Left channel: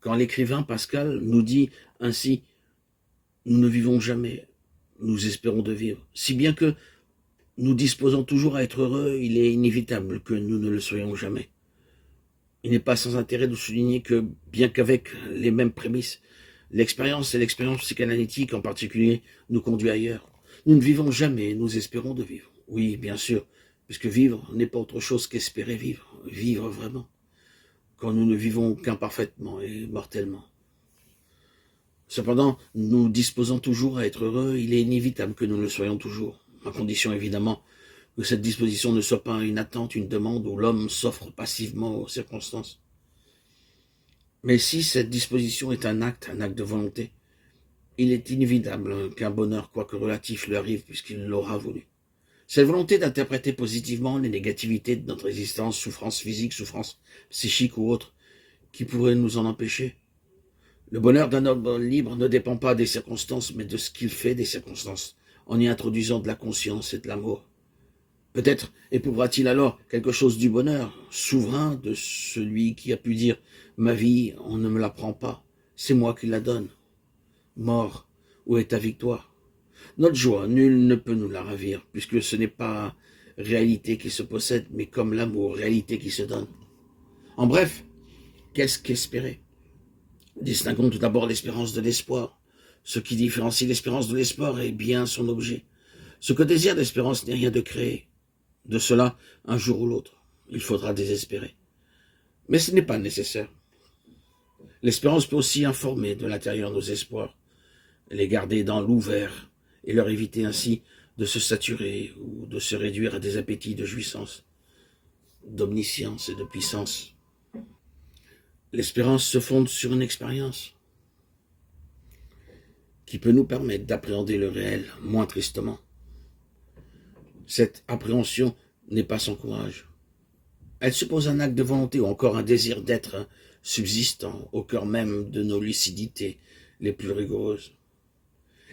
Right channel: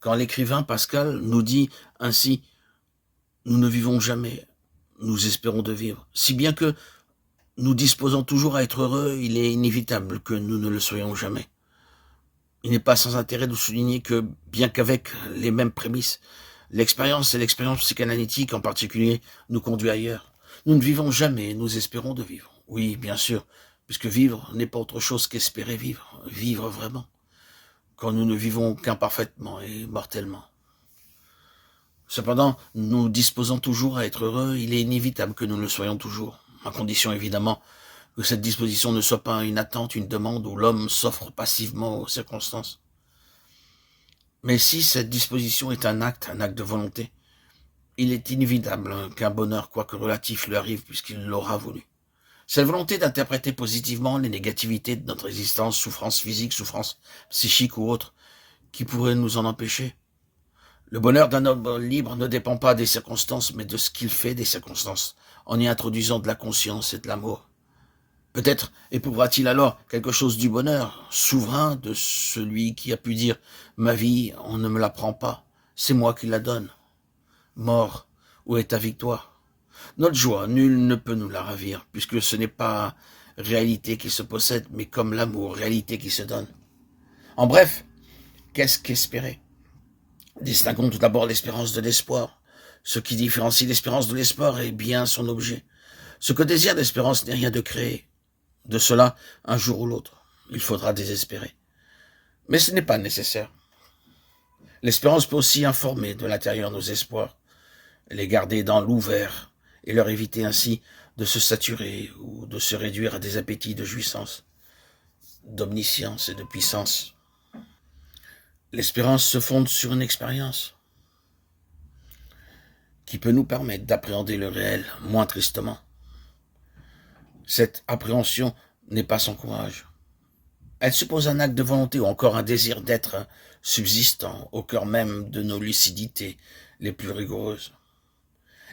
quand l'écrivain Pascal nous dit ainsi « Nous ne vivons jamais, nous espérons de vivre ». Si bien que nous disposons toujours à être heureux, il est inévitable que nous ne le soyons jamais. Il n'est pas sans intérêt de souligner que, bien qu'avec les mêmes prémices, l'expérience et l'expérience psychanalytique en particulier nous conduit ailleurs. Nous ne vivons jamais, nous espérons de vivre. Oui, bien sûr, puisque vivre n'est pas autre chose qu'espérer vivre, vivre vraiment, quand nous ne vivons qu'imparfaitement et mortellement. Cependant, nous disposons toujours à être heureux, il est inévitable que nous le soyons toujours, à condition évidemment que cette disposition ne soit pas une attente, une demande où l'homme s'offre passivement aux circonstances. Mais si cette disposition est un acte de volonté, il est inévitable qu'un bonheur, quoique relatif, lui arrive puisqu'il l'aura voulu. Cette volonté d'interpréter positivement les négativités de notre existence, souffrance physique, souffrance psychique ou autre, qui pourrait nous en empêcher. Le bonheur d'un homme libre ne dépend pas des circonstances, mais de ce qu'il fait des circonstances, en y introduisant de la conscience et de l'amour. Peut-être éprouvera-t-il alors quelque chose du bonheur, souverain de celui qui a pu dire « Ma vie, on ne me la prend pas, c'est moi qui la donne. Mort, où est ta victoire ?» Notre joie, nul ne peut nous la ravir, puisque ce n'est pas réalité qui se possède, mais comme l'amour, réalité qui se donne. En bref, qu'est-ce qu'espérer? Distinguons tout d'abord l'espérance de l'espoir. Ce qui différencie l'espérance de l'espoir est bien son objet. Ce que désire l'espérance n'est rien de créé. De cela, un jour ou l'autre, il faudra désespérer. Mais ce n'est pas nécessaire. L'espérance peut aussi informer de l'intérieur nos espoirs, les garder dans l'ouvert et leur éviter ainsi de se saturer ou de se réduire à des appétits de jouissance, d'omniscience et de puissance. L'espérance se fonde sur une expérience qui peut nous permettre d'appréhender le réel moins tristement. Cette appréhension n'est pas sans courage. Elle suppose un acte de volonté ou encore un désir d'être subsistant au cœur même de nos lucidités les plus rigoureuses.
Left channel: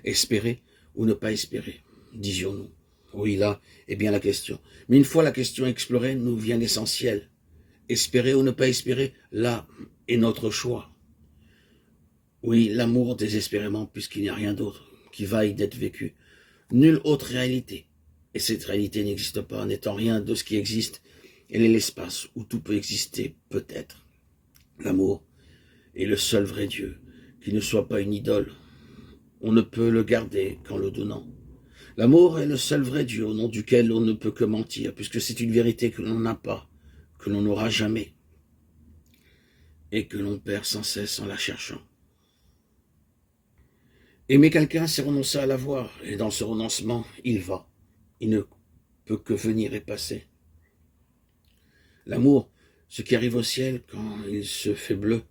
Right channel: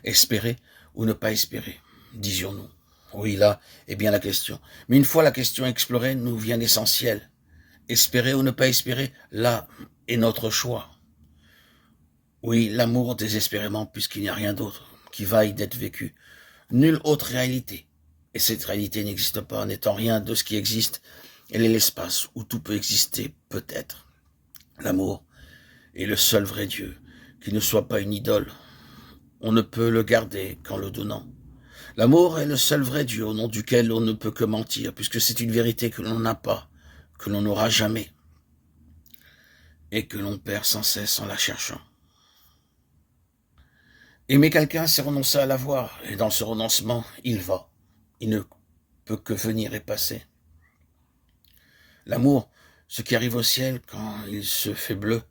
Espérer ou ne pas espérer, disions-nous. Oui, là est bien la question. Mais une fois la question explorée, nous vient l'essentiel. Espérer ou ne pas espérer, là est notre choix. Oui, l'amour désespérément, puisqu'il n'y a rien d'autre qui vaille d'être vécu. Nulle autre réalité. Et cette réalité n'existe pas, n'étant rien de ce qui existe. Elle est l'espace où tout peut exister, peut-être. L'amour est le seul vrai Dieu, qui ne soit pas une idole. On ne peut le garder qu'en le donnant. L'amour est le seul vrai Dieu au nom duquel on ne peut que mentir, puisque c'est une vérité que l'on n'a pas, que l'on n'aura jamais, et que l'on perd sans cesse en la cherchant. Aimer quelqu'un, c'est renoncer à l'avoir, et dans ce renoncement, il va. Il ne peut que venir et passer. L'amour, ce qui arrive au ciel quand il se fait bleu,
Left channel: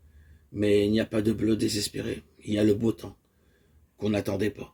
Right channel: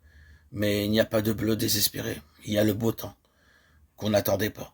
mais il n'y a pas de bleu désespéré, il y a le beau temps qu'on n'attendait pas.